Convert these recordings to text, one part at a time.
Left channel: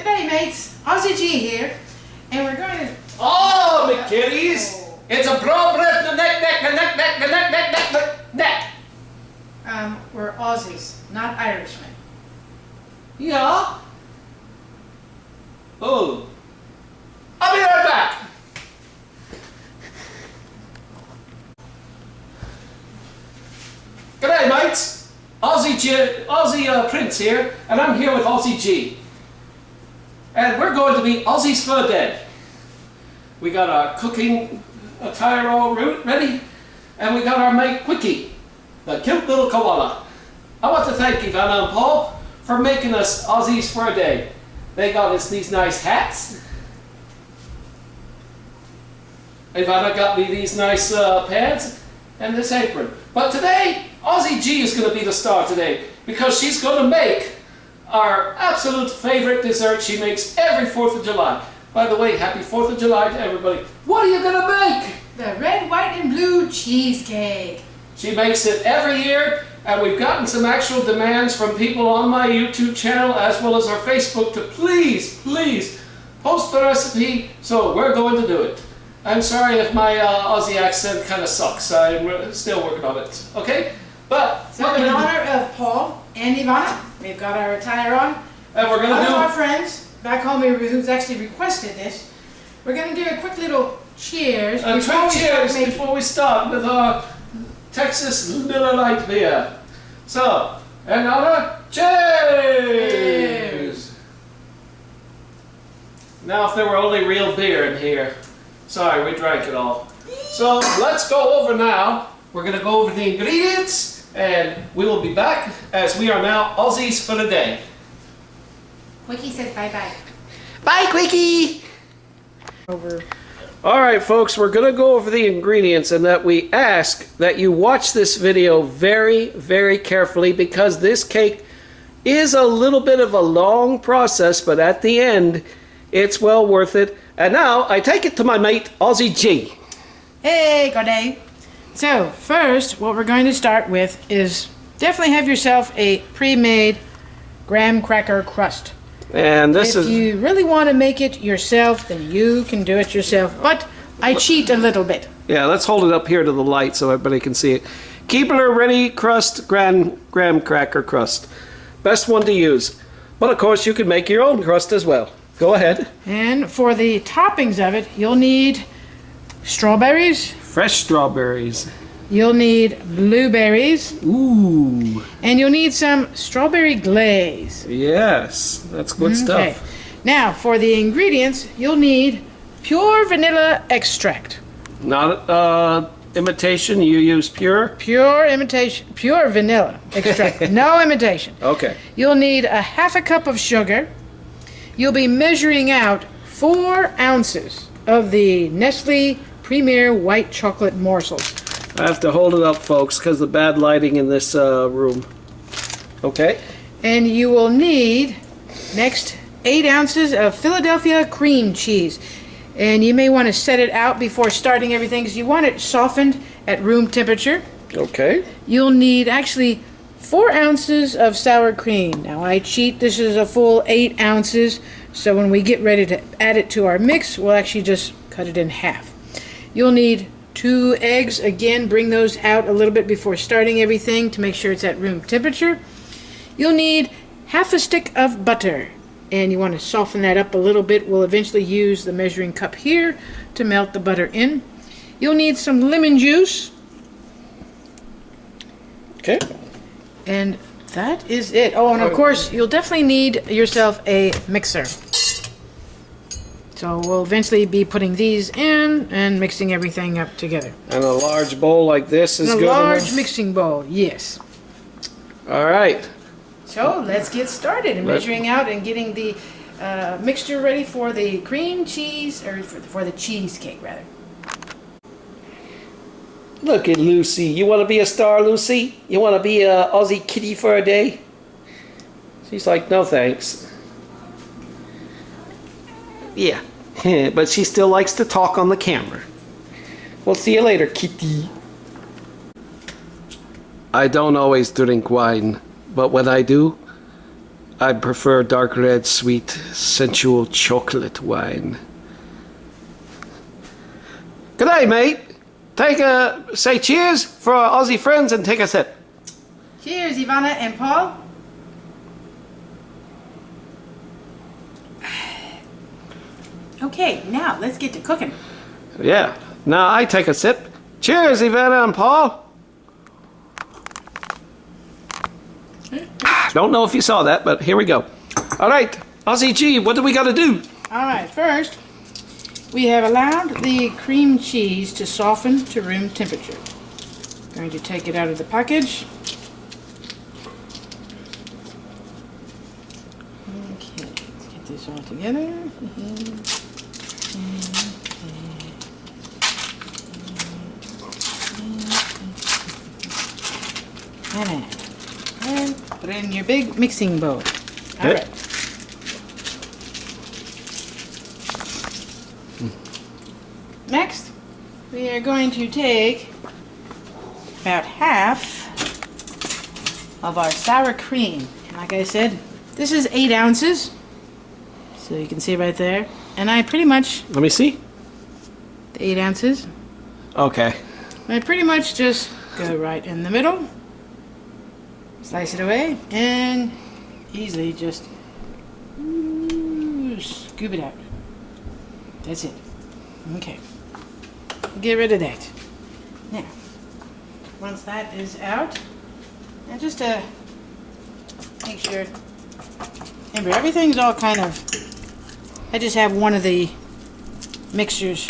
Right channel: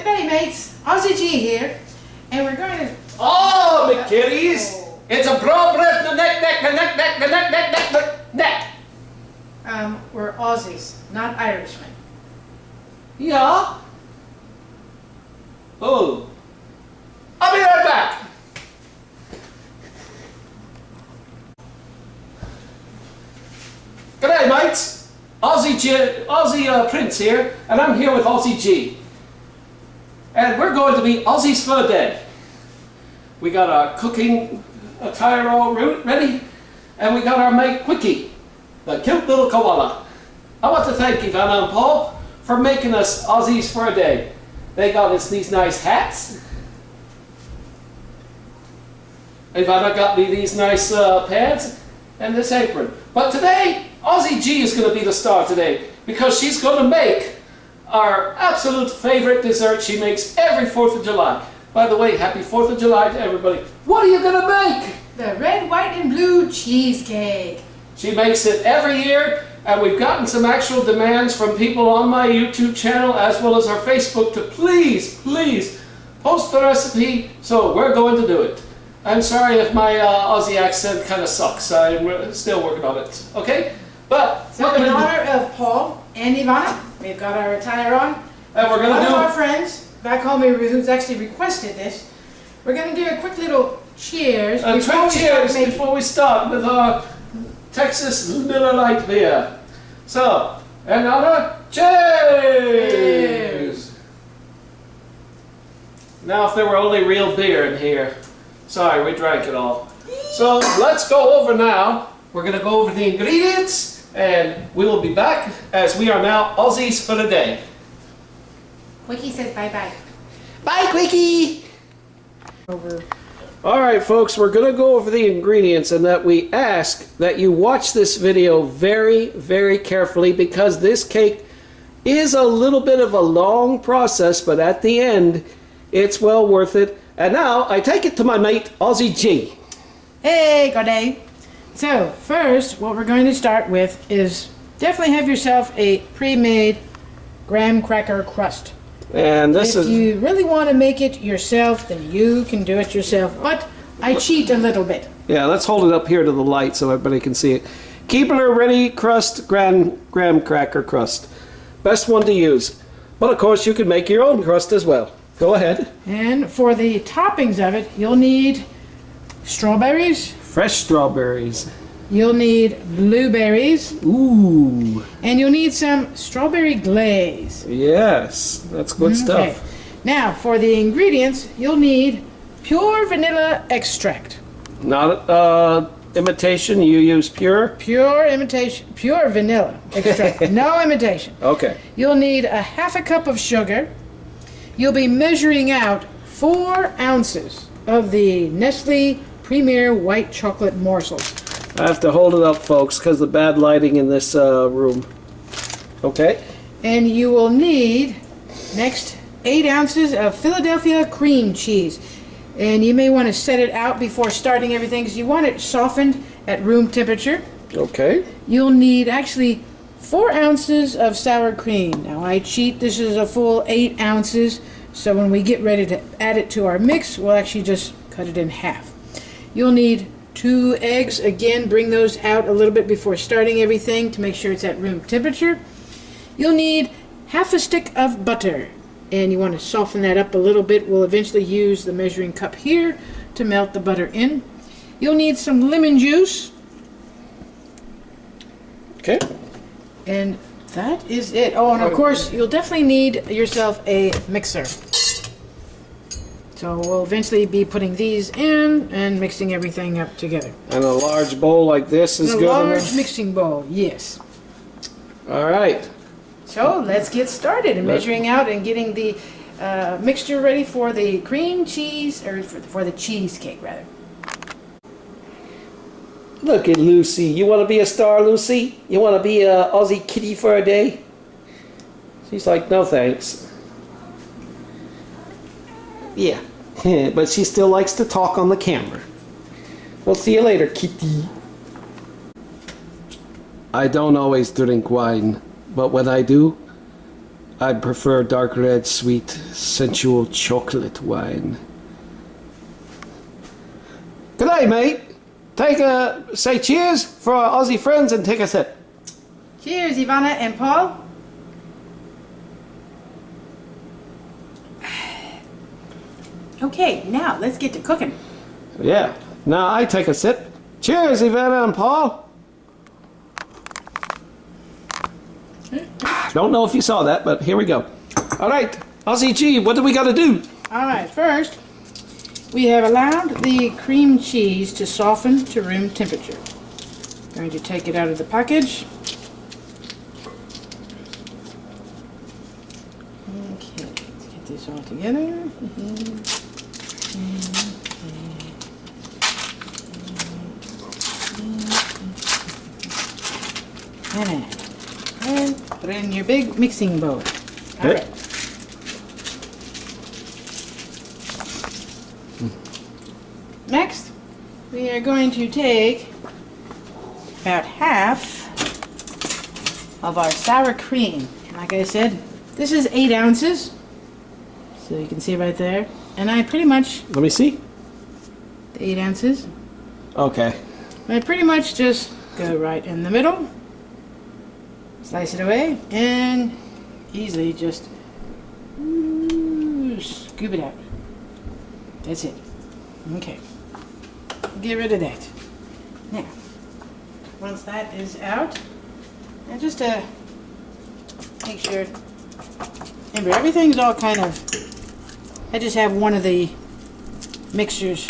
G'day mates, Aussie G here, and we're going to... Oh, me kitties! It's a broad breath, the neck. We're Aussies, not Irishmen. Yeah? Oh. I'll be right back. G'day mates, Aussie Prince here, and I'm here with Aussie G. And we're going to be Aussies for the day. We got our cooking attire all ready, and we got our mate Quickie, the cute little koala. I want to thank Ivana and Paul for making us Aussies for a day. They got us these nice hats. Ivana got me these nice pants and this apron. But today, Aussie G is going to be the star today because she's going to make our absolute favorite dessert she makes every 4th of July. By the way, happy 4th of July to everybody. What are you going to make? The red, white, and blue cheesecake. She makes it every year, and we've gotten some actual demands from people on my YouTube channel as well as our Facebook to please post the recipe, so we're going to do it. I'm sorry if my Aussie accent kind of sucks. I'm still working on it, okay? But so in honor of Paul and Ivana, we've got our attire on. And we're going to do... One of our friends back home who's actually requested this, we're going to do a quick little cheers. Before we start with our Texas Miller Lite beer. So, in honor, cheers! Now if there were only real beer in here. Sorry, we drank it all. So let's go over now. We're going to go over the ingredients and we will be back as we are now Aussies for the day. Quickie says bye-bye. Bye, Quickie! Over. Alright folks, we're going to go over the ingredients and that we ask that you watch this video very carefully because this cake is a little bit of a long process, but at the end it's well worth it. And now I take it to my mate Aussie G. Hey, good day. So first what we're going to start with is definitely have yourself a pre-made graham cracker crust. And this if you really want to make it yourself, then you can do it yourself. But I cheat a little bit. Yeah, let's hold it up here to the light so everybody can see it. Keebler Ready Crust graham cracker crust. Best one to use. But of course you can make your own crust as well. Go ahead. And for the toppings of it, you'll need strawberries. Fresh strawberries. You'll need blueberries. Ooh. And you'll need some strawberry glaze. Yes, that's good stuff. Now, for the ingredients, you'll need pure vanilla extract. Not imitation, you use pure? Pure vanilla extract. No imitation. Okay. You'll need a half a cup of sugar. You'll be measuring out 4 ounces of the Nestle Premier White Chocolate Morsels. I have to hold it up, folks, because of the bad lighting in this room. Okay. And you will need, next, 8 ounces of Philadelphia cream cheese. And you may want to set it out before starting everything because you want it softened at room temperature. Okay. You'll need, actually, 4 ounces of sour cream. Now, I cheat. This is a full 8 ounces. So when we get ready to add it to our mix, we'll actually just cut it in half. You'll need 2 eggs. Again, bring those out a little bit before starting everything to make sure it's at room temperature. You'll need half a stick of butter, and you want to soften that up a little bit. We'll eventually use the measuring cup here to melt the butter in. You'll need some lemon juice. Okay. And that is it. Oh, and of course, you'll definitely need yourself a mixer. So we'll eventually be putting these in and mixing everything up together. And a large bowl like this is good enough? A large mixing bowl, yes. All right. So let's get started in measuring out and getting the mixture ready for the cream cheese, or for the cheesecake, rather. Look at Lucy. You want to be a star, Lucy? You want to be a Aussie kitty for a day? She's like, no thanks. Yeah. But she still likes to talk on the camera. We'll see you later, kitty. I don't always drink wine, but when I do, I prefer dark red, sweet, sensual chocolate wine. Good day, mate. Say cheers for our Aussie friends and take a sip. Cheers, Ivana and Paul. Okay, now let's get to cooking. Yeah, now I take a sip. Cheers, Ivana and Paul. Don't know if you saw that, but here we go. All right, Aussie G, what do we got to do? All right, first, we have allowed the cream cheese to soften to room temperature. Going to take it out of the package. Okay, let's get this all together. And put it in your big mixing bowl. All right. Next, we are going to take about half of our sour cream. And like I said, this is 8 ounces. So you can see right there. And I pretty much, Let me see. the 8 ounces, Okay. I pretty much just go right in the middle. Slice it away and easily just scoop it out. That's it. Okay. Get rid of that. Now, once that is out, and just to make sure, remember everything's all kind of, I just have one of the mixers,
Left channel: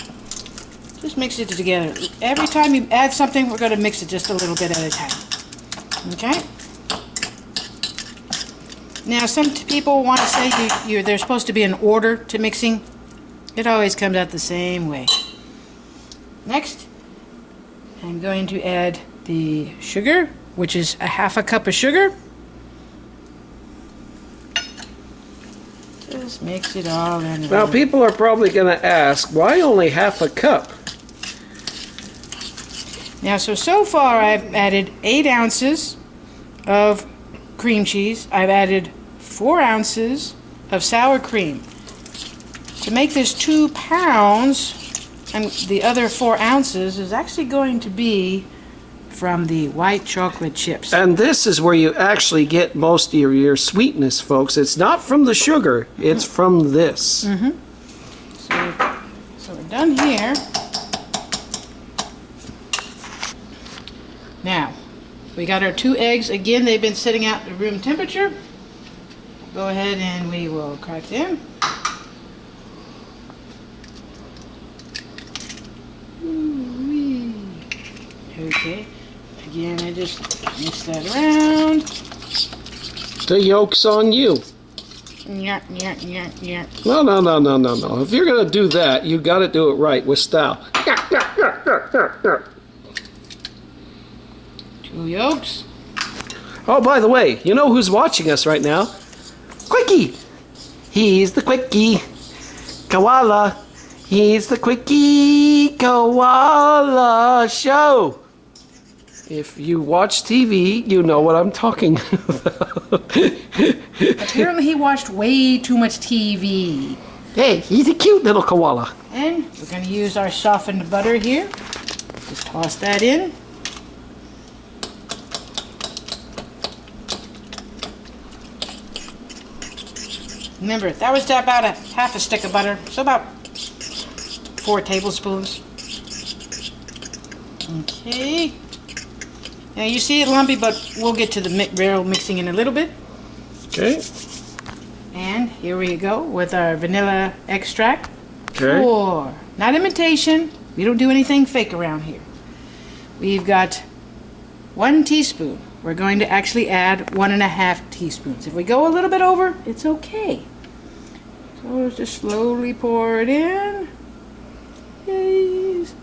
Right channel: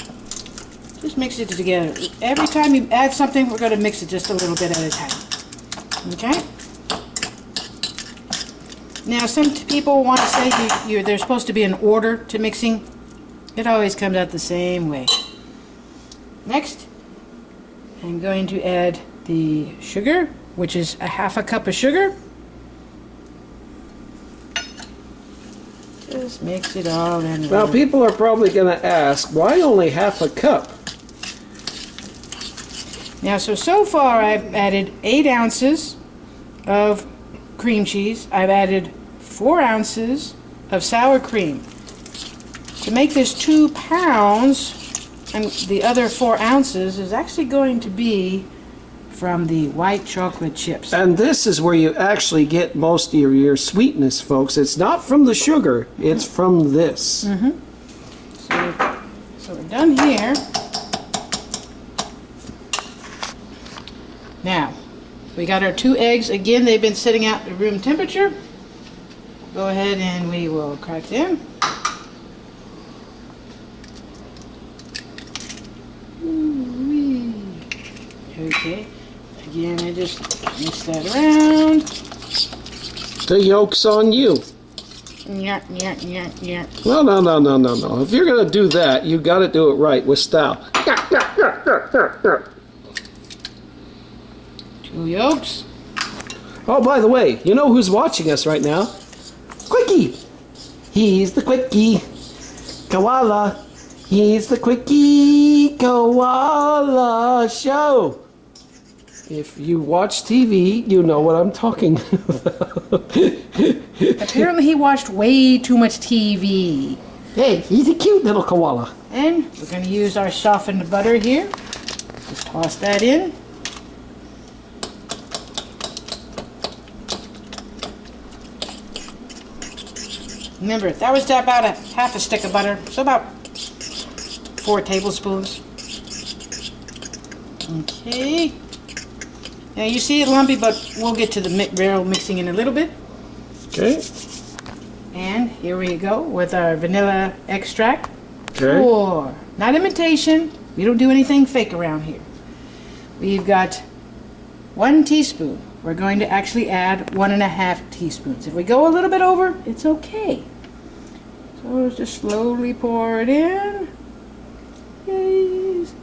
just mix it together. Every time you add something, we're going to mix it just a little bit at a time. Okay? Now, some people want to say there's supposed to be an order to mixing. It always comes out the same way. Next, I'm going to add the sugar, which is a half a cup of sugar. Just mix it all in. Now, people are probably going to ask, why only half a cup? Now, so far I've added 8 ounces of cream cheese. I've added 4 ounces of sour cream. To make this 2 pounds, and the other 4 ounces is actually going to be from the white chocolate chips. And this is where you actually get most of your sweetness, folks. It's not from the sugar, it's from this. So we're done here. Now, we got our 2 eggs. Again, they've been sitting out at room temperature. Go ahead and we will crack them. Ooh-wee. Okay. Again, I just mix that around. The yolk's on you. Yeah, yeah, yeah, yeah. No. If you're going to do that, you got to do it right with style. 2 yolks. Oh, by the way, you know who's watching us right now? Quickie! He's the Quickie Koala. He's the Quickie Koala Show. If you watch TV, you know what I'm talking about. Apparently he watched way too much TV. Hey, he's a cute little koala. And we're going to use our softened butter here. Just toss that in. Remember, that was about a half a stick of butter, so about 4 tablespoons. Okay. Now you see it lumpy, but we'll get to the real mixing in a little bit. Okay. And here we go with our vanilla extract. Okay. Or, not imitation. We don't do anything fake around here. We've got 1 teaspoon. We're going to actually add 1.5 teaspoons. If we go a little bit over, it's okay. So just slowly pour it in. Yes.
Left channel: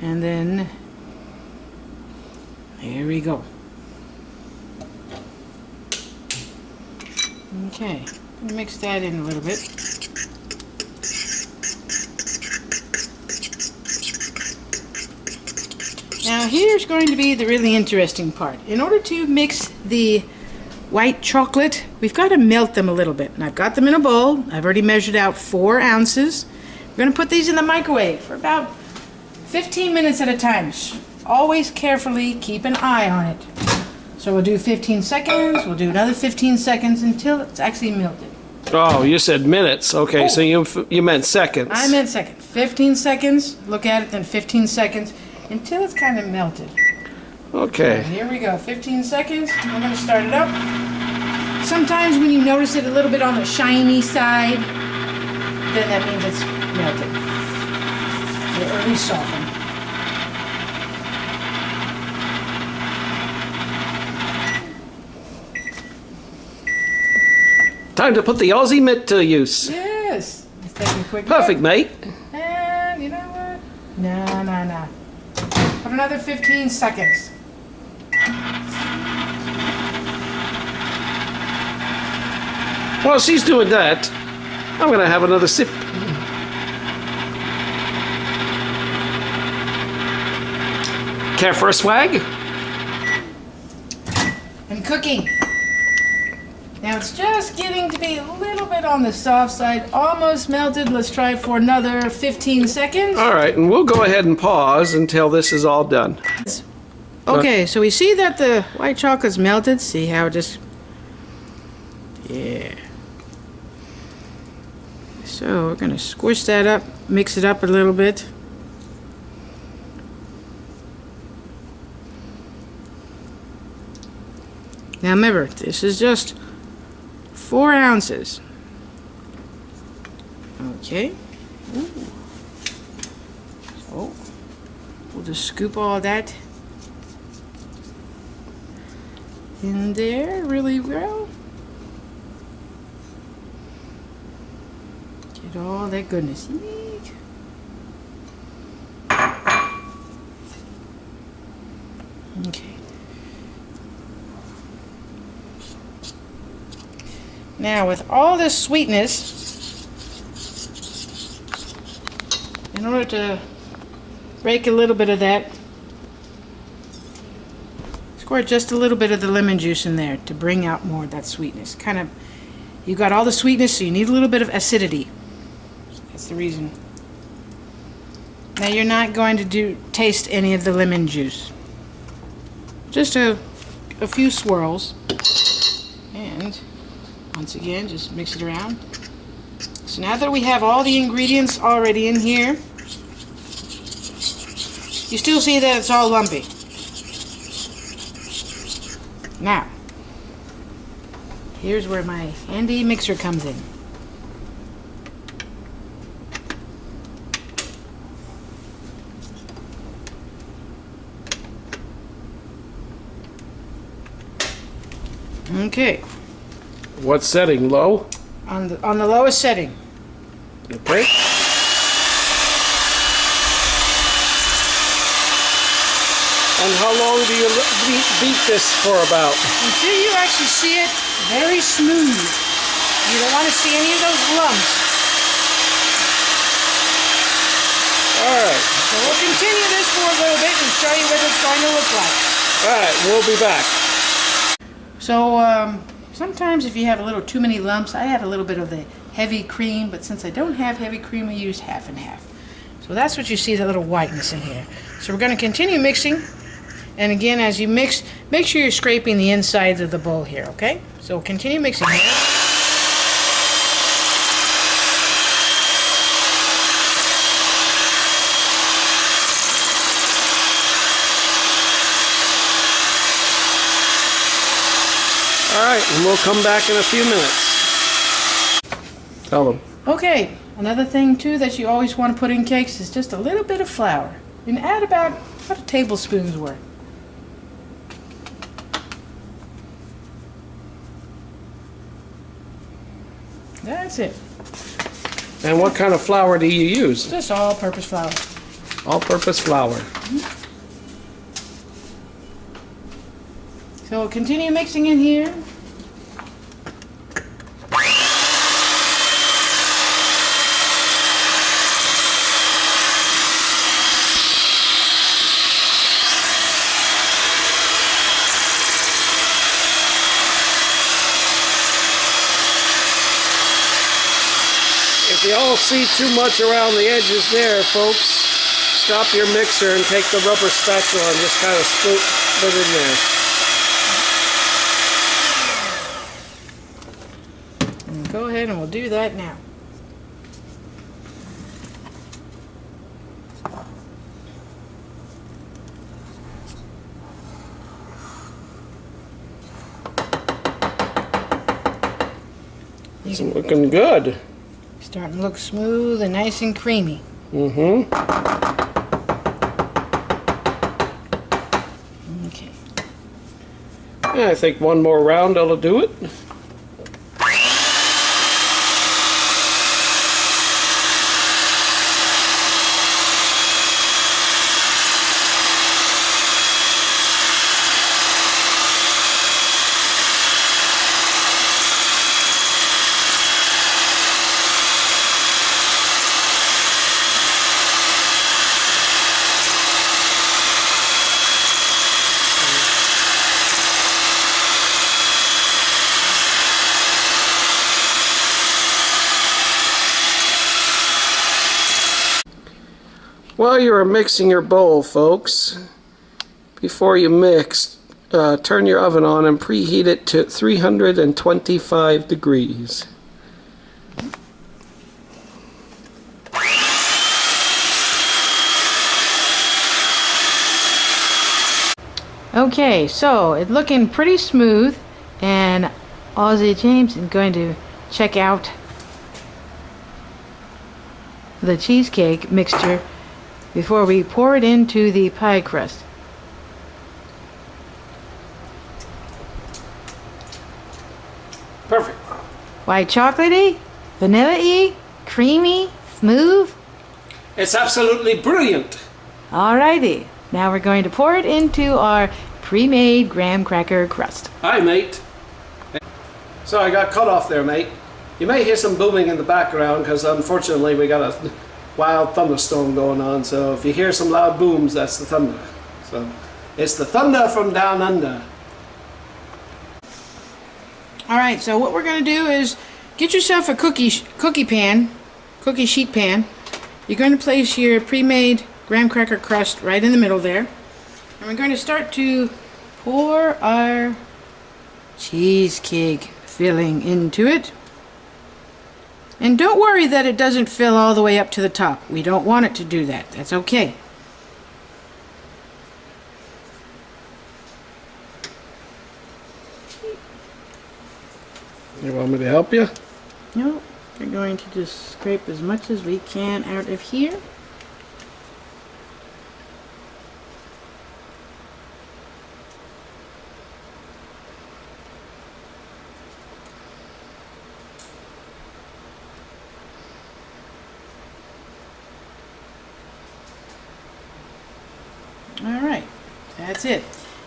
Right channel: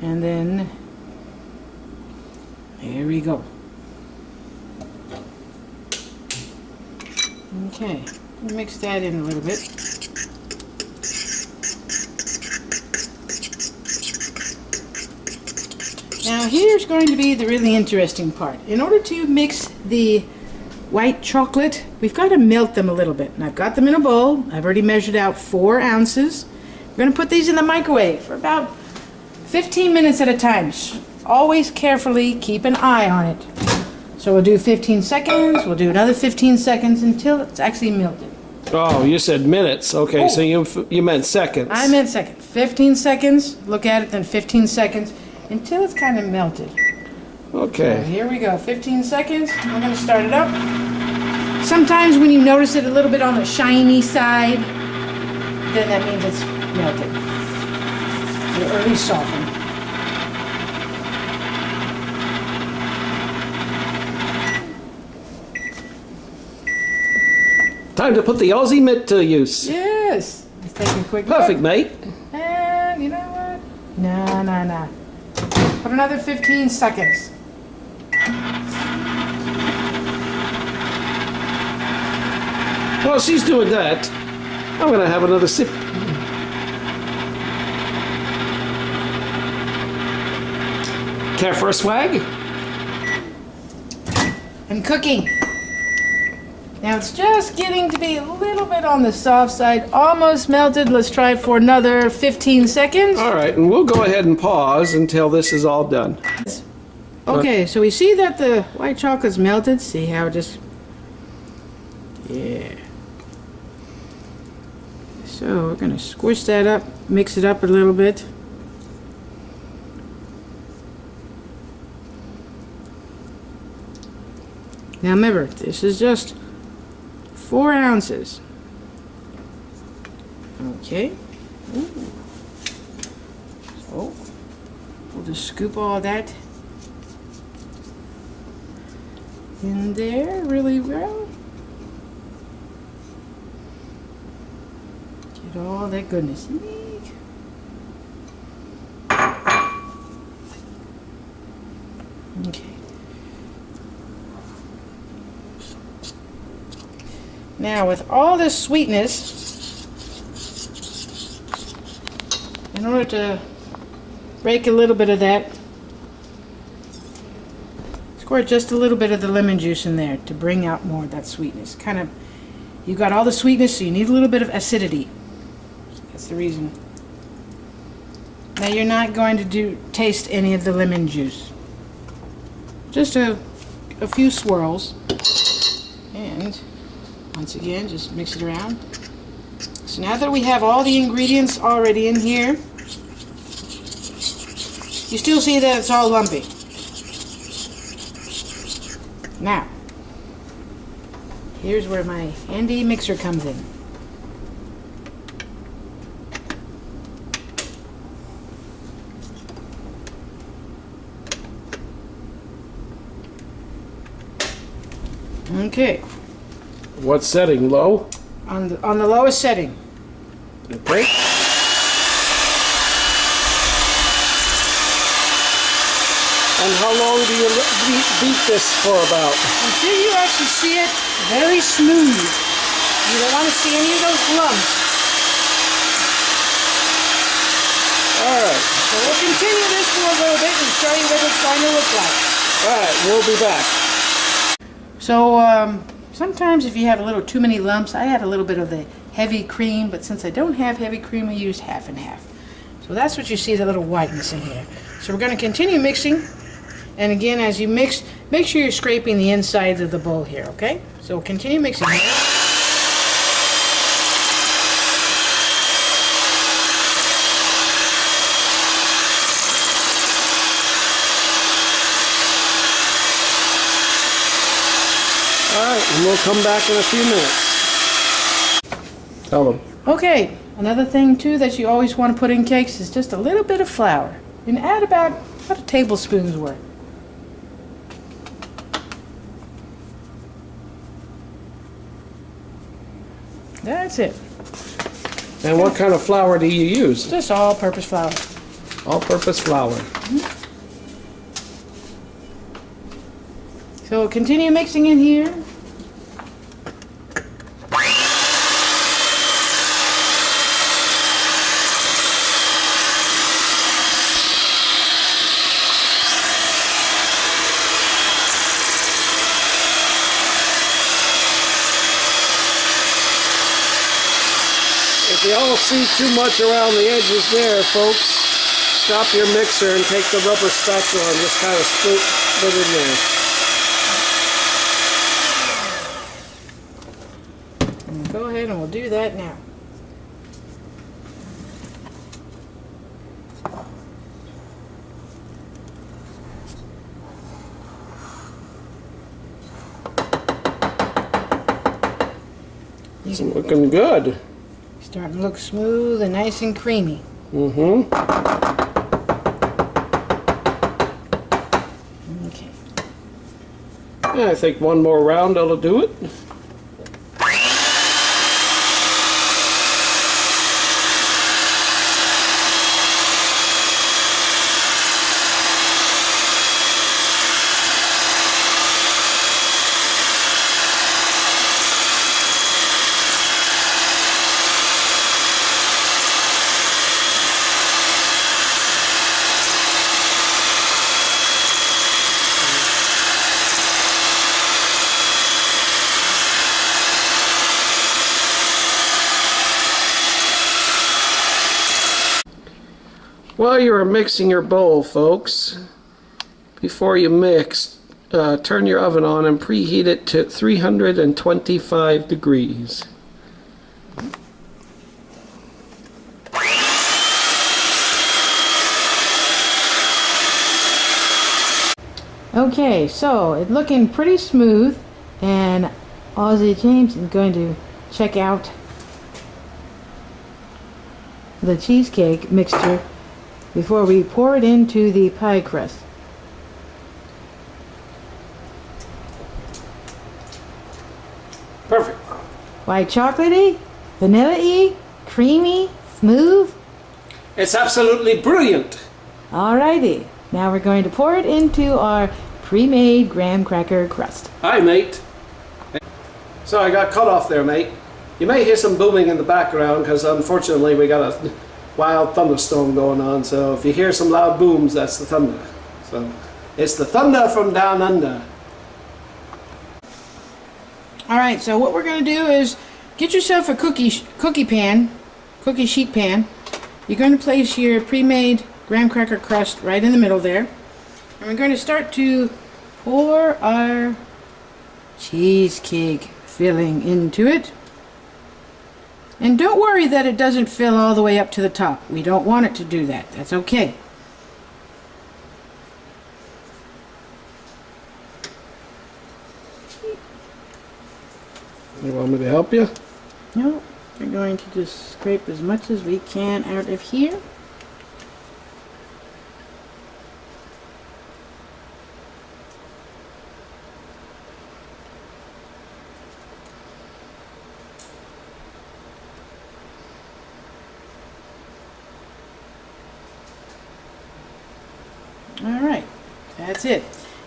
And then, there we go. Okay, mix that in a little bit. Now here's going to be the really interesting part. In order to mix the white chocolate, we've got to melt them a little bit. And I've got them in a bowl. I've already measured out 4 ounces. We're going to put these in the microwave for about 15 minutes at a time. Always carefully keep an eye on it. So we'll do 15 seconds, we'll do another 15 seconds until it's actually melted. Oh, you said minutes. Okay, so you meant seconds. I meant seconds. 15 seconds, look at it, then 15 seconds until it's kind of melted. Okay. So here we go, 15 seconds. We're going to start it up. Sometimes when you notice it a little bit on the shiny side, then that means it's melted. Or at least softened. Time to put the Aussie mitt to use. Yes. Let's take a quick Perfect, look. mate. And you know what? No. Put another 15 seconds. While she's doing that, I'm going to have another sip. Care for a swag? And cooking. Now it's just getting to be a little bit on the soft side, almost melted. Let's try it for another 15 seconds. All right, and we'll go ahead and pause until this is all done. Okay, so we see that the white chocolate's melted. See how it just... Yeah. So we're going to squish that up, mix it up a little bit. Now remember, this is just 4 ounces. Okay. Ooh. So we'll just scoop all that in there really well. Get all that goodness. Okay. Now with all this sweetness, in order to break a little bit of that, squirt just a little bit of the lemon juice in there to bring out more of that sweetness. Kind of, you got all the sweetness, so you need a little bit of acidity. That's the reason. Now you're not going to taste any of the lemon juice. Just a few swirls. And once again, just mix it around. So now that we have all the ingredients already in here, you still see that it's all lumpy. Now, here's where my handy mixer comes in. Okay. What setting? Low? On the lowest setting. Okay. And how long do you beat this for about? Until you actually see it very smooth. You don't want to see any of those lumps. Alright. So we'll continue this for a little bit and show you what it's going to look like. Alright, we'll be back. So sometimes if you have a little too many lumps, I add a little bit of the heavy cream, but since I don't have heavy cream, I used half and half. So that's what you see, that little whiteness in here. So we're going to continue mixing. And again, as you mix, make sure you're scraping the insides of the bowl here, okay? So we'll continue mixing here. Alright, and we'll come back in a few minutes. Tell them. Okay, another thing too that you always want to put in cakes is just a little bit of flour. And add about a tablespoon's worth. That's it. And what kind of flour do you use? Just all-purpose flour. All-purpose flour. So continue mixing in here. If you all see too much around the edges there, folks, stop your mixer and take the rubber spatula and just kind of put it in there. Go ahead and we'll do that now. It's looking good. Starting to look smooth and nice and creamy. Mm-hmm. Okay. Yeah, I think one more round that'll do it. While you are mixing your bowl, folks, before you mix, turn your oven on and preheat it to 325 degrees. Okay, so it's looking pretty smooth, and Aussie James is going to check out the cheesecake mixture before we pour it into the pie crust. Perfect. White chocolatey, vanilla-y, creamy, smooth. It's absolutely brilliant. Alrighty, now we're going to pour it into our pre-made graham cracker crust. Hi, mate. So I got cut off there, mate. You may hear some booming in the background because unfortunately we got a wild thunderstorm going on, so if you hear some loud booms, that's the thunder. So it's the thunder from down under. Alright, so what we're going to do is get yourself a cookie sheet pan. You're going to place your pre-made graham cracker crust right in the middle there. And we're going to start to pour our cheesecake filling into it. And don't worry that it doesn't fill all the way up to the top. We don't want it to do that. That's okay. You want me to help you? No, we're going to just scrape as much as we can out of here. Alright, that's it.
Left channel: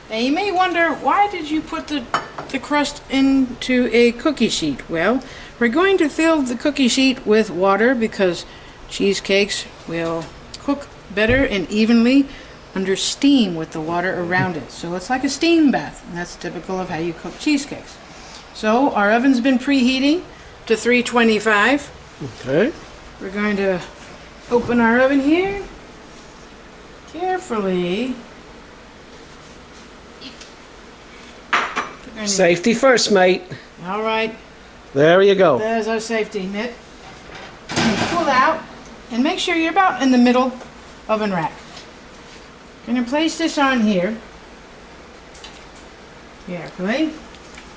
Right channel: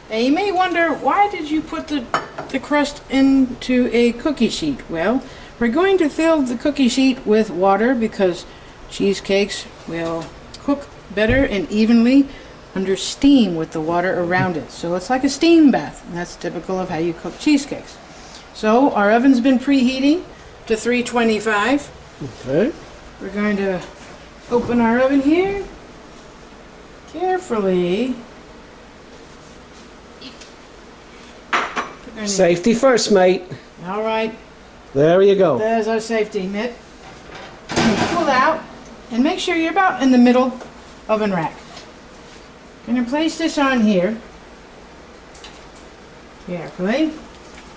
Now you may wonder, why did you put the crust into a cookie sheet? Well, we're going to fill the cookie sheet with water because cheesecakes will cook better and evenly under steam with the water around it. So it's like a steam bath, and that's typical of how you cook cheesecakes. So our oven's been preheating to 325. Okay. We're going to open our oven here. Carefully. Safety first, mate. All right. There you go. There's our safety mitt. Pull out and make sure you're about in the middle oven rack. Going to place this on here carefully,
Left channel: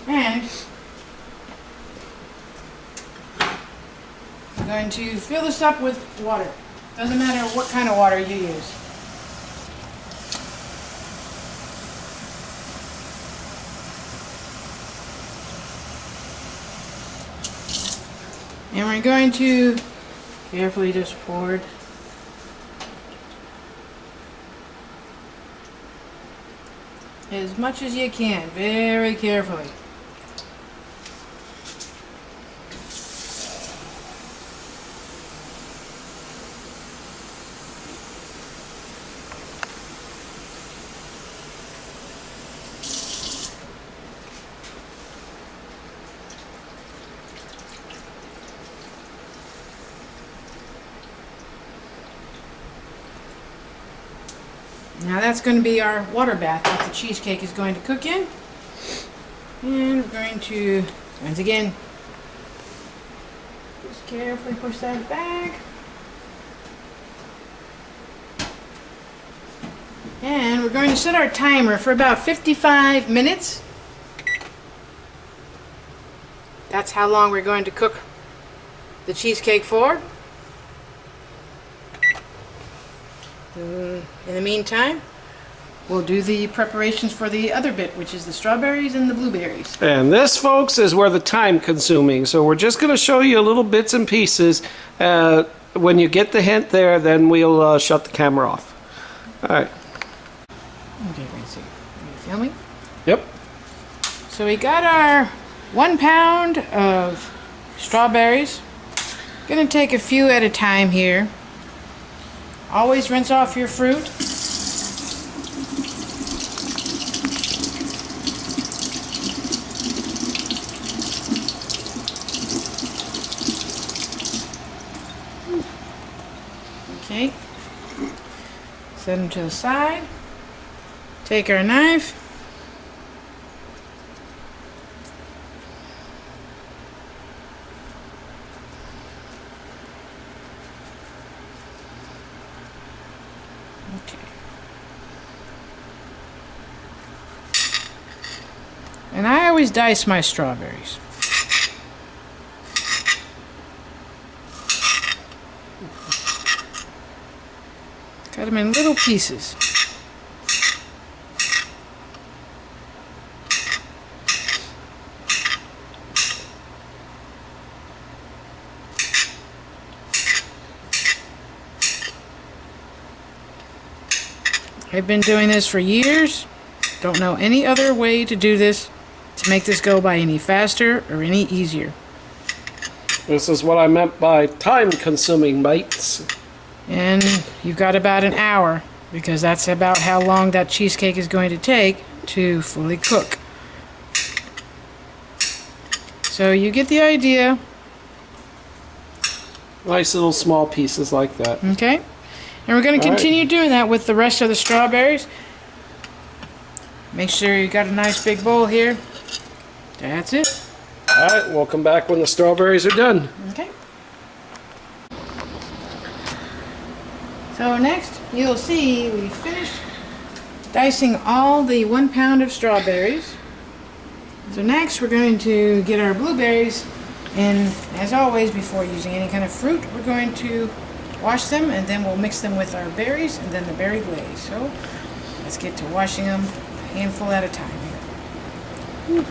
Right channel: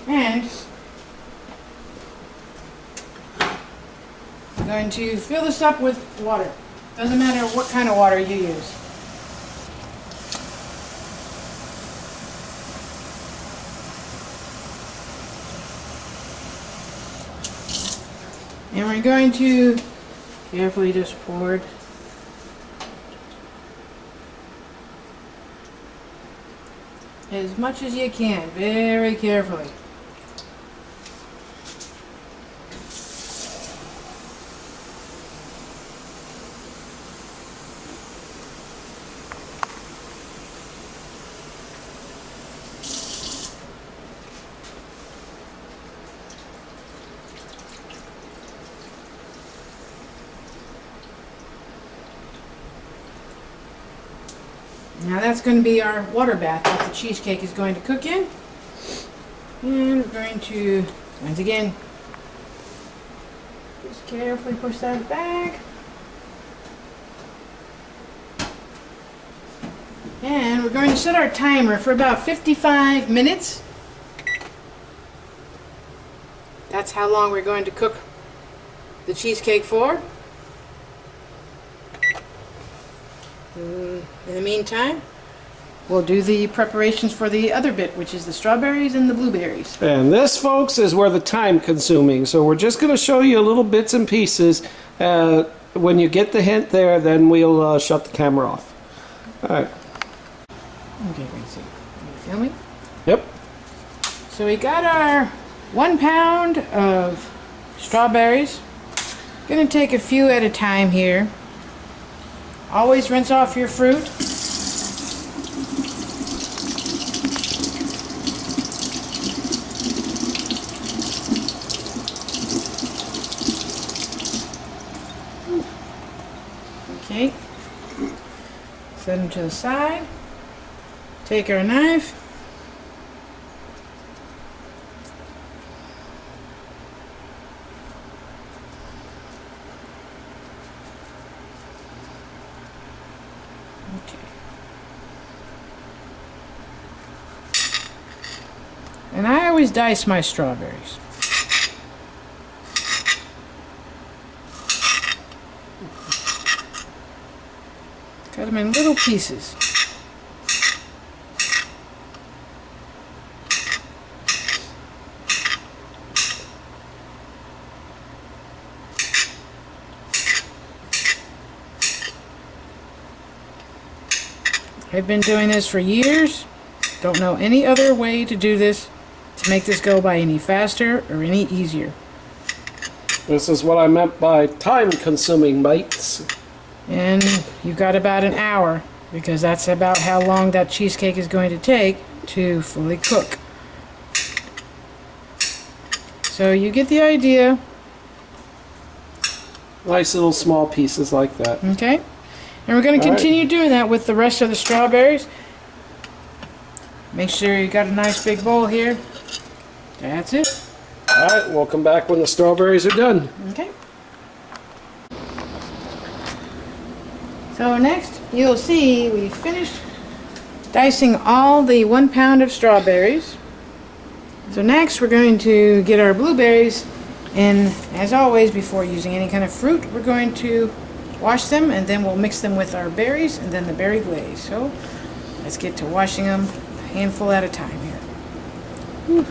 and I'm going to fill this up with water. Doesn't matter what kind of water you use. And we're going to carefully just pour it as much as you can, very carefully. Now that's going to be our water bath that the cheesecake is going to cook in. And we're going to, once again, just carefully push that back. And we're going to set our timer for about 55 minutes. That's how long we're going to cook the cheesecake for. In the meantime, we'll do the preparations for the other bit, which is the strawberries and the blueberries. And this, folks, is where the time consuming. So we're just going to show you little bits and pieces. When you get the hint there, then we'll shut the camera off. All right. Okay, let's see. Are you filming? Yep. So we got our 1 pound of strawberries. Gonna take a few at a time here. Always rinse off your fruit. Okay. Set them to the side. Take our knife. Okay. And I always dice my strawberries. Cut them in little pieces. I've been doing this for years. Don't know any other way to do this to make this go by any faster or any easier. This is what I meant by time consuming, mates. And you've got about an hour, because that's about how long that cheesecake is going to take to fully cook. So you get the idea. Nice little small pieces like that. Okay? And we're going to continue doing that with the rest of the strawberries. Make sure you got a nice big bowl here. That's it. Alright, we'll come back when the strawberries are done. Okay. So next, you'll see we finished dicing all the 1 pound of strawberries. So next, we're going to get our blueberries, and as always, before using any kind of fruit, we're going to wash them, and then we'll mix them with our berries and then the berry glaze. So let's get to washing them a handful at a time here. Ooh.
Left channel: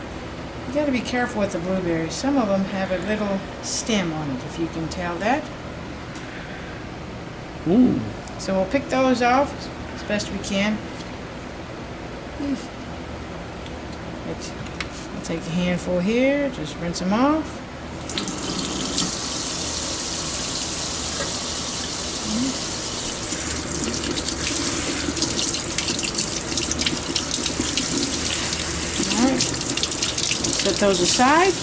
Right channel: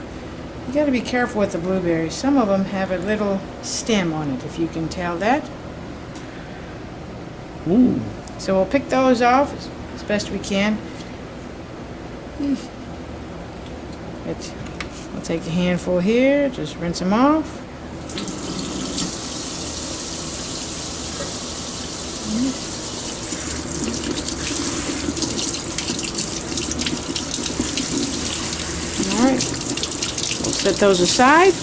You got to be careful with the blueberries. Some of them have a little stem on it, if you can tell that. Ooh. So we'll pick those off as best we can. I'll take a handful here, just rinse them off. Alright, we'll set those aside.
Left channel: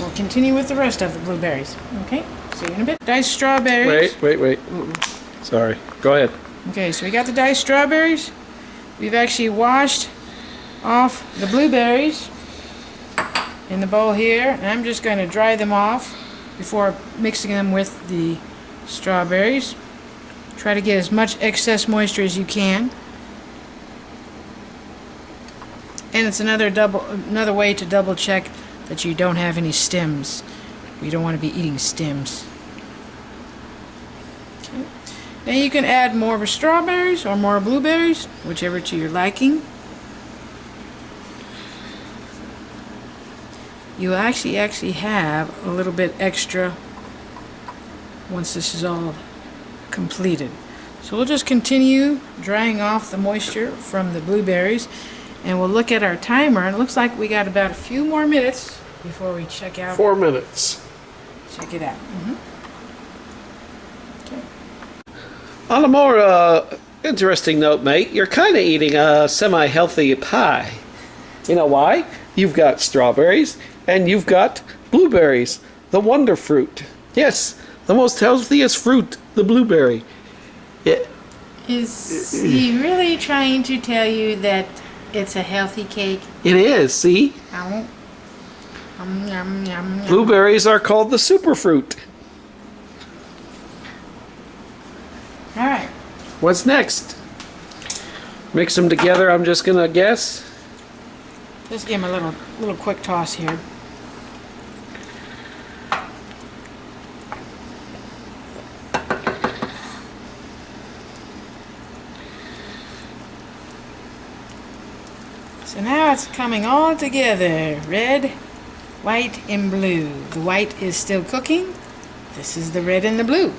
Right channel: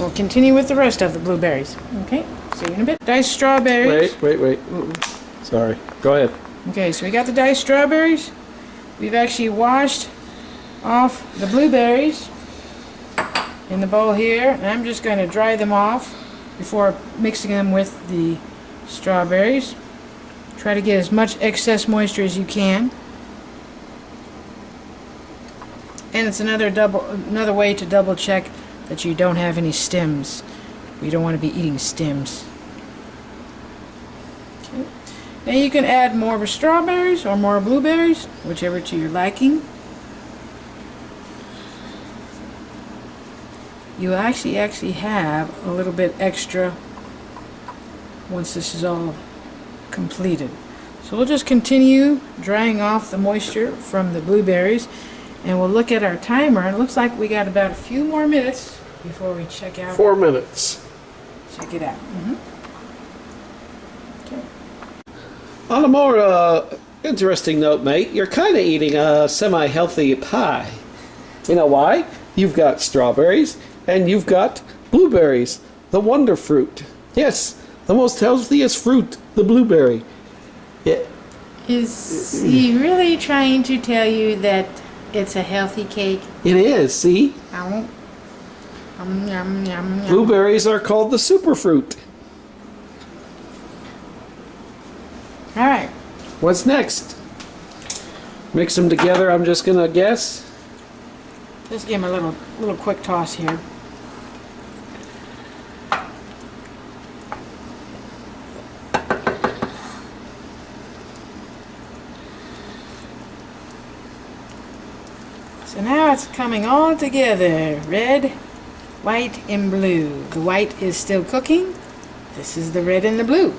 We'll continue with the rest of the blueberries. Okay, see you in a bit. Diced strawberries. Wait. Sorry. Go ahead. Okay, so we got the diced strawberries. We've actually washed off the blueberries in the bowl here, and I'm just going to dry them off before mixing them with the strawberries. Try to get as much excess moisture as you can. And it's another way to double check that you don't have any stems. We don't want to be eating stems. Okay. Now you can add more strawberries or more blueberries, whichever to your liking. You actually have a little bit extra once this is all completed. So we'll just continue drying off the moisture from the blueberries, and we'll look at our timer. It looks like we got about a few more minutes before we check out. 4 minutes. Check it out. Okay. On a more interesting note, mate, you're kind of eating a semi-healthy pie. You know why? You've got strawberries and you've got blueberries, the wonder fruit. Yes, the most healthiest fruit, the blueberry. Yeah. Is he really trying to tell you that it's a healthy cake? It is, see? Yum, yum, yum, yum. Blueberries are called the superfruit. All right. What's next? Mix them together, I'm just gonna guess. Just give him a little quick toss here. So now it's coming all together. Red, white, and blue. The white is still cooking. This is the red and the blue.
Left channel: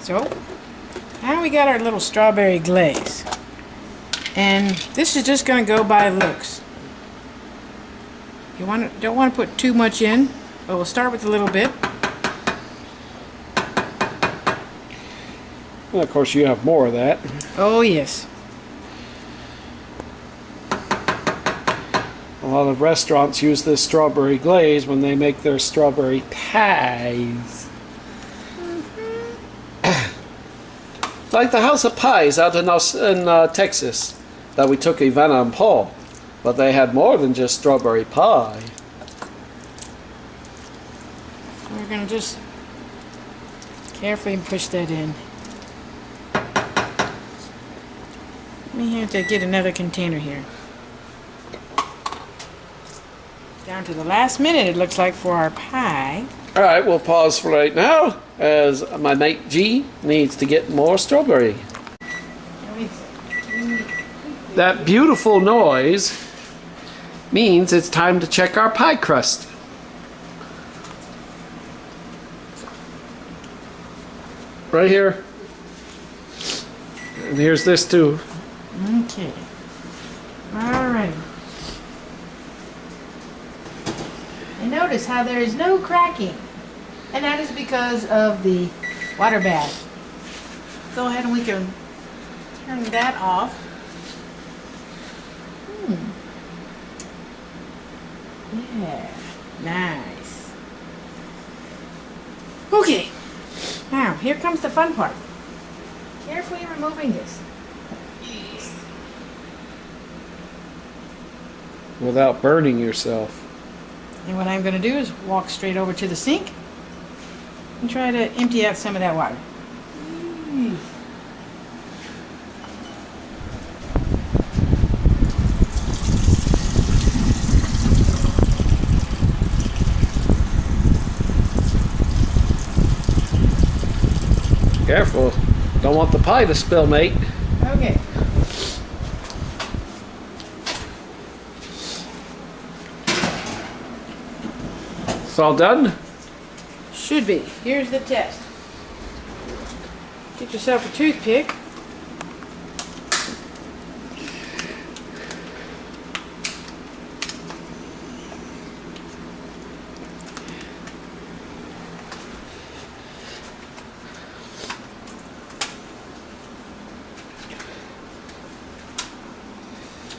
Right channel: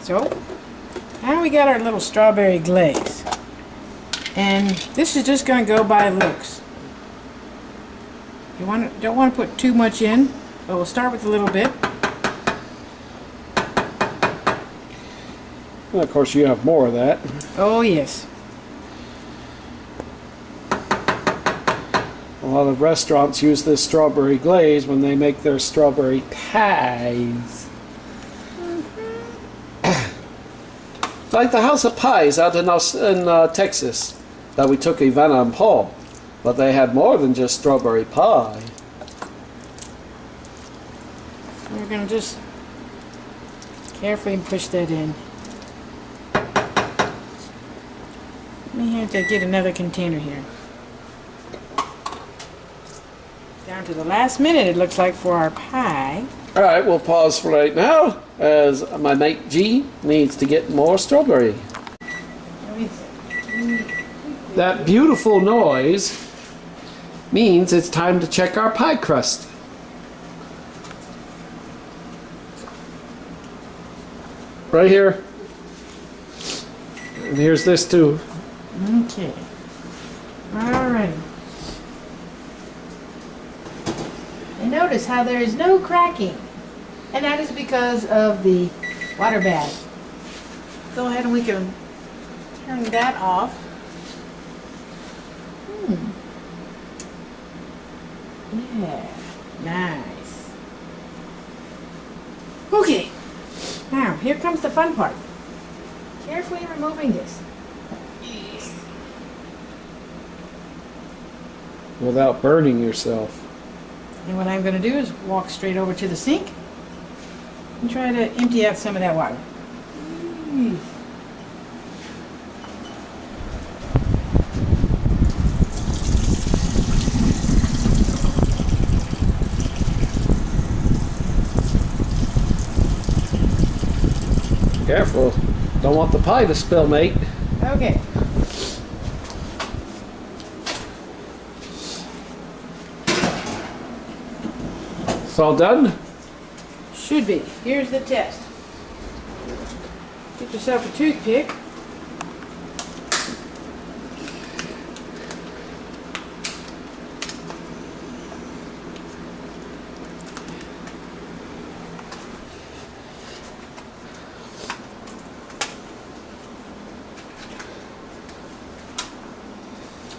So now we got our little strawberry glaze. And this is just going to go by looks. You don't want to put too much in, but we'll start with a little bit. Well, of course, you have more of that. Oh yes. A lot of restaurants use this strawberry glaze when they make their strawberry pies. Like the House of Pies out in Texas that we took Ivana and Paul. But they had more than just strawberry pie. We're going to just carefully push that in. We have to get another container here. Down to the last minute, it looks like, for our pie. All right, we'll pause for right now as my mate G needs to get more strawberry. That beautiful noise means it's time to check our pie crust. Right here. And here's this too. Okay. All right. And notice how there is no cracking. And that is because of the water bath. Go ahead and we can turn that off. Yeah, nice. Okay, now here comes the fun part. Carefully removing this. Without burning yourself. And what I'm going to do is walk straight over to the sink and try to empty out some of that water. Careful. Don't want the pie to spill, mate. Okay. It's all done? Should be. Here's the test. Get yourself a toothpick.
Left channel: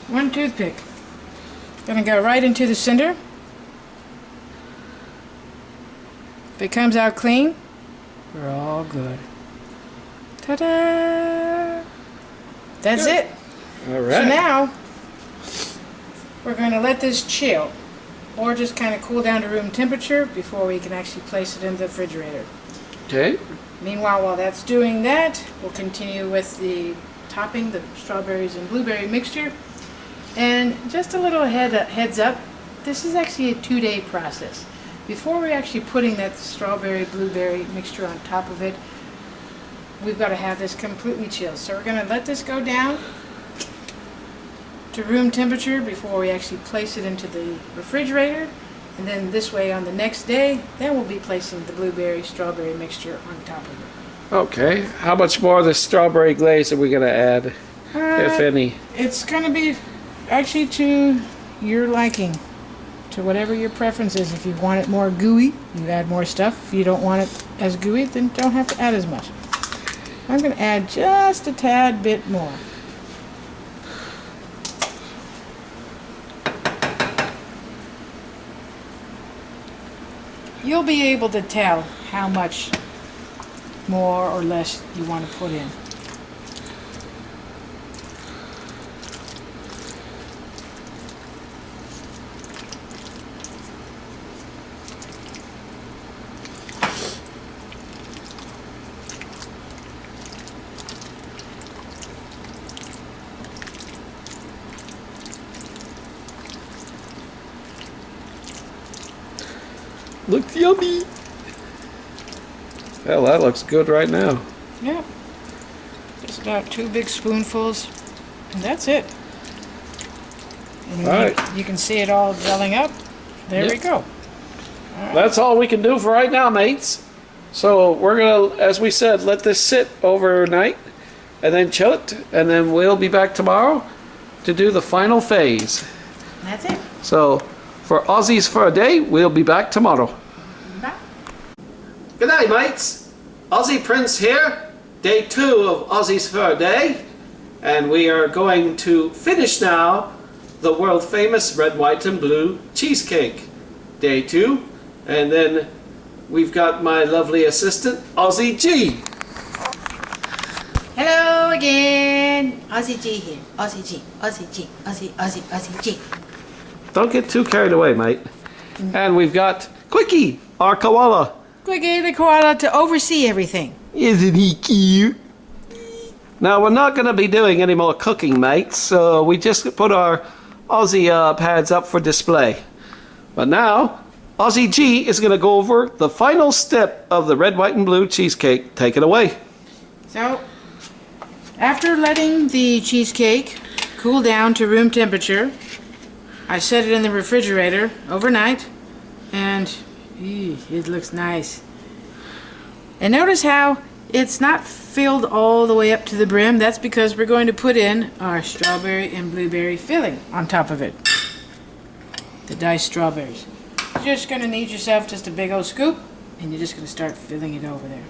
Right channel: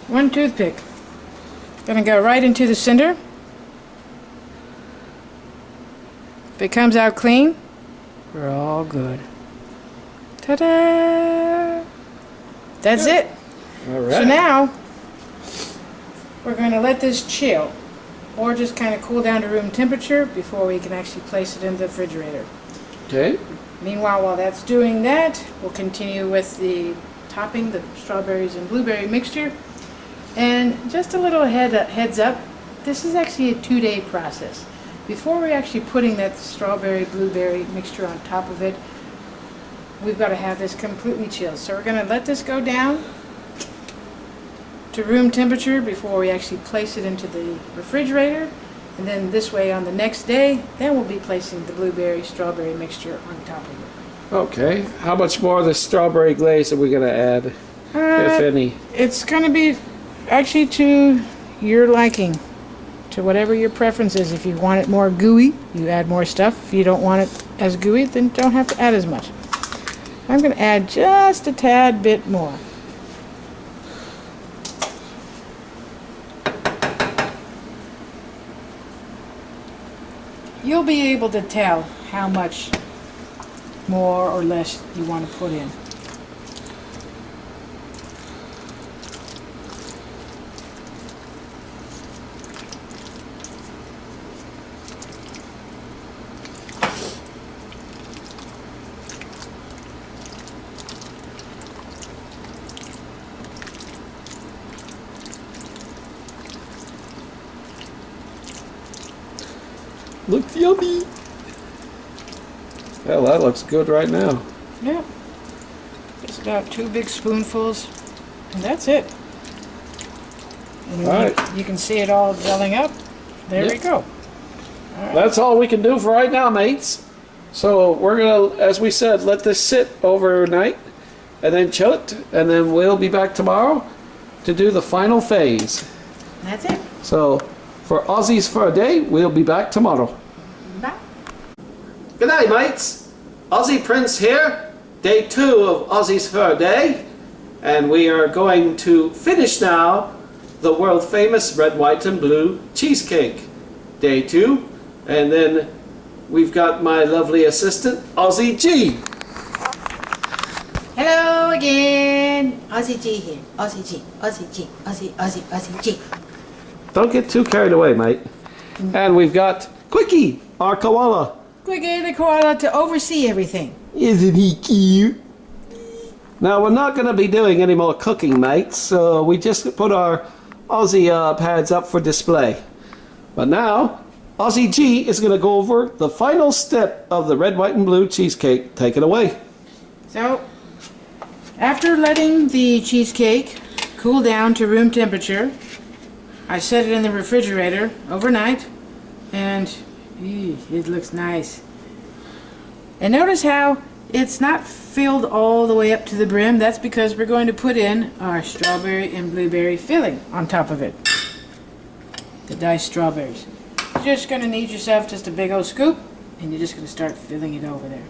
One toothpick. Gonna go right into the center. If it comes out clean, we're all good. Ta-da! That's Good. it. All right. So now, we're going to let this chill, or just kind of cool down to room temperature before we can actually place it in the refrigerator. Okay. Meanwhile, while that's doing that, we'll continue with the topping, the strawberries and blueberry mixture. And just a little heads up, this is actually a 2-day process. Before we're actually putting that strawberry blueberry mixture on top of it, we've got to have this completely chilled. So we're going to let this go down to room temperature before we actually place it into the refrigerator. And then this way on the next day, then we'll be placing the blueberry strawberry mixture on top of it. Okay. How much more of the strawberry glaze are we going to add, if any? It's going to be actually to your liking, to whatever your preference is. If you want it more gooey, you add more stuff. If you don't want it as gooey, then don't have to add as much. I'm going to add just a tad bit more. You'll be able to tell how much more or less you want to put in. Looks yummy. Well, that looks good right now. Yeah. Just about 2 big spoonfuls, and that's it. And All right. you can see it all gelling up. There we go. That's all we can do for right now, mates. So we're gonna, as we said, let this sit overnight and then chill it, and then we'll be back tomorrow to do the final phase. That's it. So for Aussies for a Day, we'll be back tomorrow. Bye. Good night, mates. Aussie Prince here, day 2 of Aussies for a Day, and we are going to finish now the world famous red, white, and blue cheesecake. Day 2, and then we've got my lovely assistant, Aussie G. Hello again. Aussie G here. Aussie G. Aussie G. Aussie G. Don't get too carried away, mate. And we've got Quickie, our koala. Quickie the koala to oversee everything. Isn't he cute? Now, we're not going to be doing any more cooking, mates, so we just put our Aussie pads up for display. But now, Aussie G is going to go over the final step of the red, white, and blue cheesecake. Take it away. So, after letting the cheesecake cool down to room temperature, I set it in the refrigerator overnight, and it looks nice. And notice how it's not filled all the way up to the brim. That's because we're going to put in our strawberry and blueberry filling on top of it. The diced strawberries. You're just going to need yourself just a big old scoop, and you're just going to start filling it over there.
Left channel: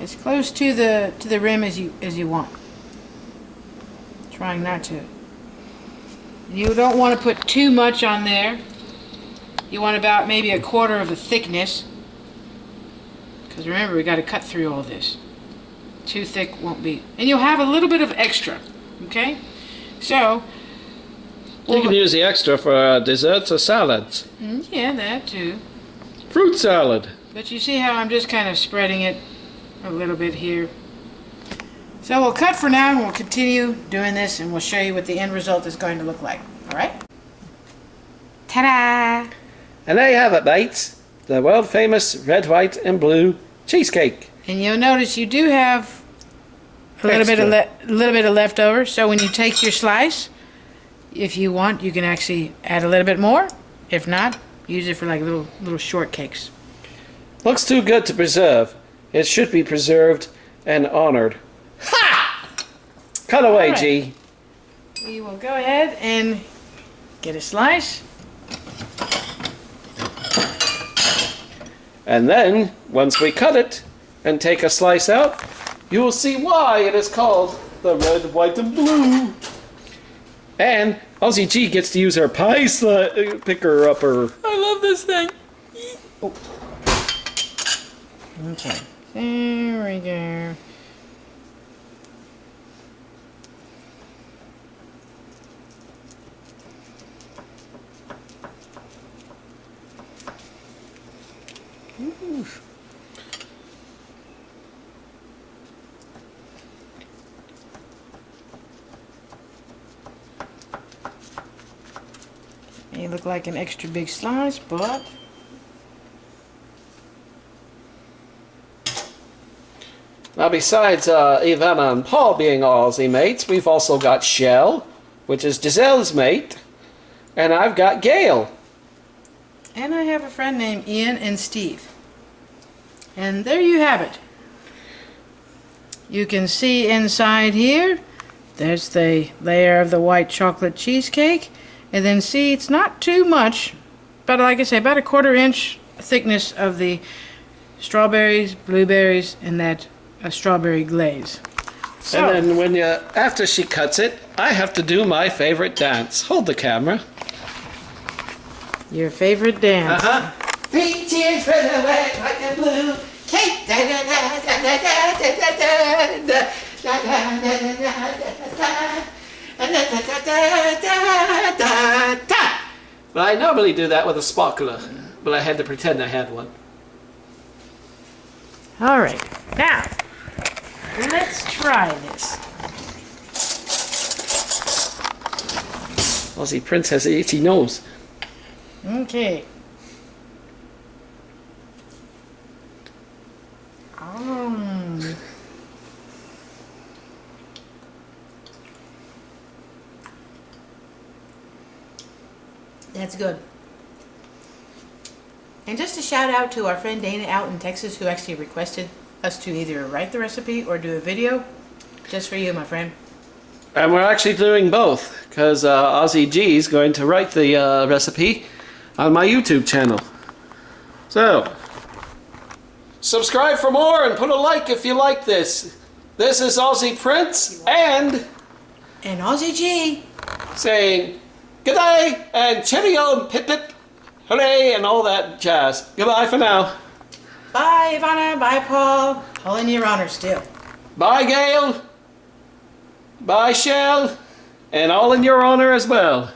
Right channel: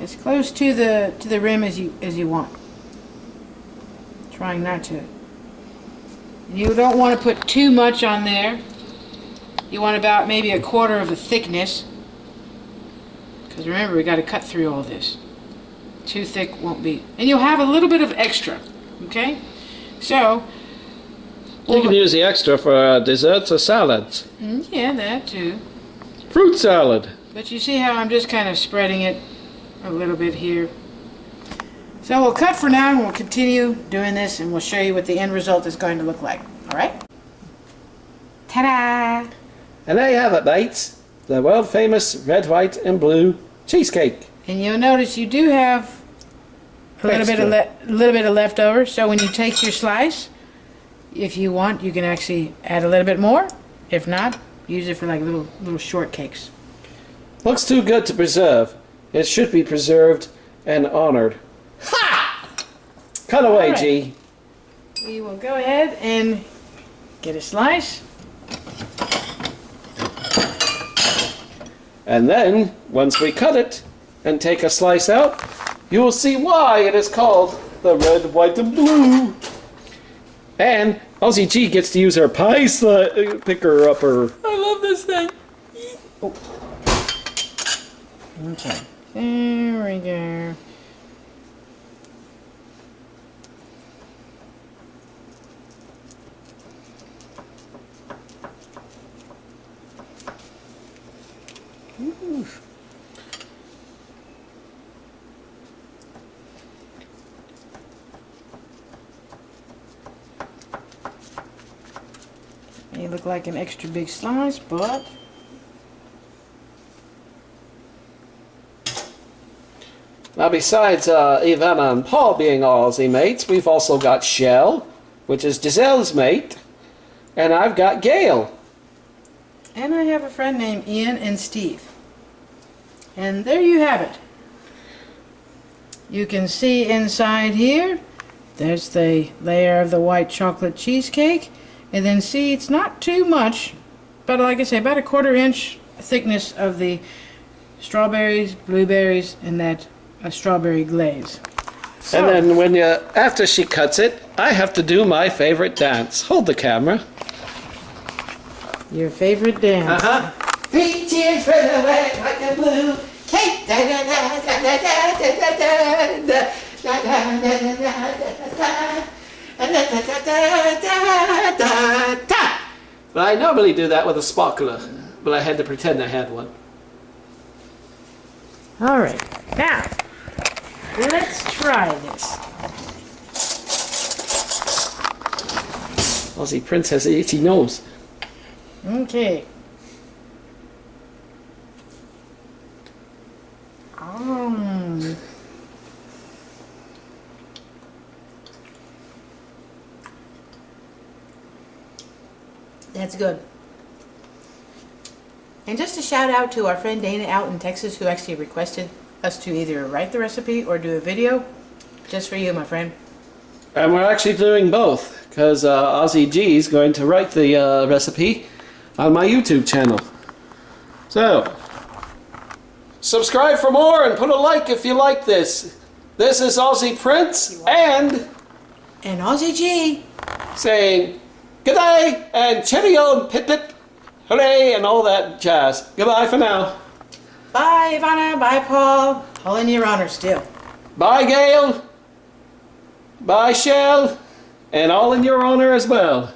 As close to the rim as you want. Trying not to. You don't want to put too much on there. You want about maybe a quarter of the thickness. Because remember, we got to cut through all this. Too thick won't be. And you'll have a little bit of extra. Okay? So. You can use the extra for desserts or salads. Yeah, that too. Fruit salad. But you see how I'm just kind of spreading it a little bit here. So we'll cut for now and we'll continue doing this and we'll show you what the end result is going to look like. Alright? Ta-da! And there you have it, mates. The world famous red, white, and blue cheesecake. And you'll notice you do have a little bit of leftover. So when you take your slice, if you want, you can actually add a little bit more. If not, use it for like little shortcakes. Looks too good to preserve. It should be preserved and honored. Ha! Cut away, All right. G. We will go ahead and get a slice. And then, once we cut it and take a slice out, you will see why it is called the red, white, and blue. And Aussie G gets to use her pie picker upper. I love this thing. Oh. Okay, there we go. Ooh. May look like an extra big slice, but Now, besides Ivana and Paul being Aussie mates, we've also got Shell, which is Giselle's mate, and I've got Gail. and I have a friend named Ian and Steve. And there you have it. You can see inside here, there's the layer of the white chocolate cheesecake. And then see, it's not too much, but like I say, about a 1/4 inch thickness of the strawberries, blueberries, and that strawberry glaze. So, And then after she cuts it, I have to do my favorite dance. Hold the camera. your favorite dance. Uh-huh. Three cheers for the red, white, and blue. Cake. Da, da, da, da, da, da, da, da, da, da, da, da, da, da, da, da. But I normally do that with a sparkler, but I had to pretend I had one. All right, now let's try this. Aussie Prince has an itchy nose. Okay. That's good. And just a shout out to our friend Dana out in Texas who actually requested us to either write the recipe or do a video. Just for you, my friend. And we're actually doing both, because Aussie G is going to write the recipe on my YouTube channel. So, subscribe for more and put a like if you like this. This is Aussie Prince and Aussie G. saying good day and cheerio and pip pip, hooray and all that jazz. Goodbye for now. Bye, Ivana. Bye, Paul. All in your honor still. Bye, Gail. Bye, Shell. And all in your honor as well.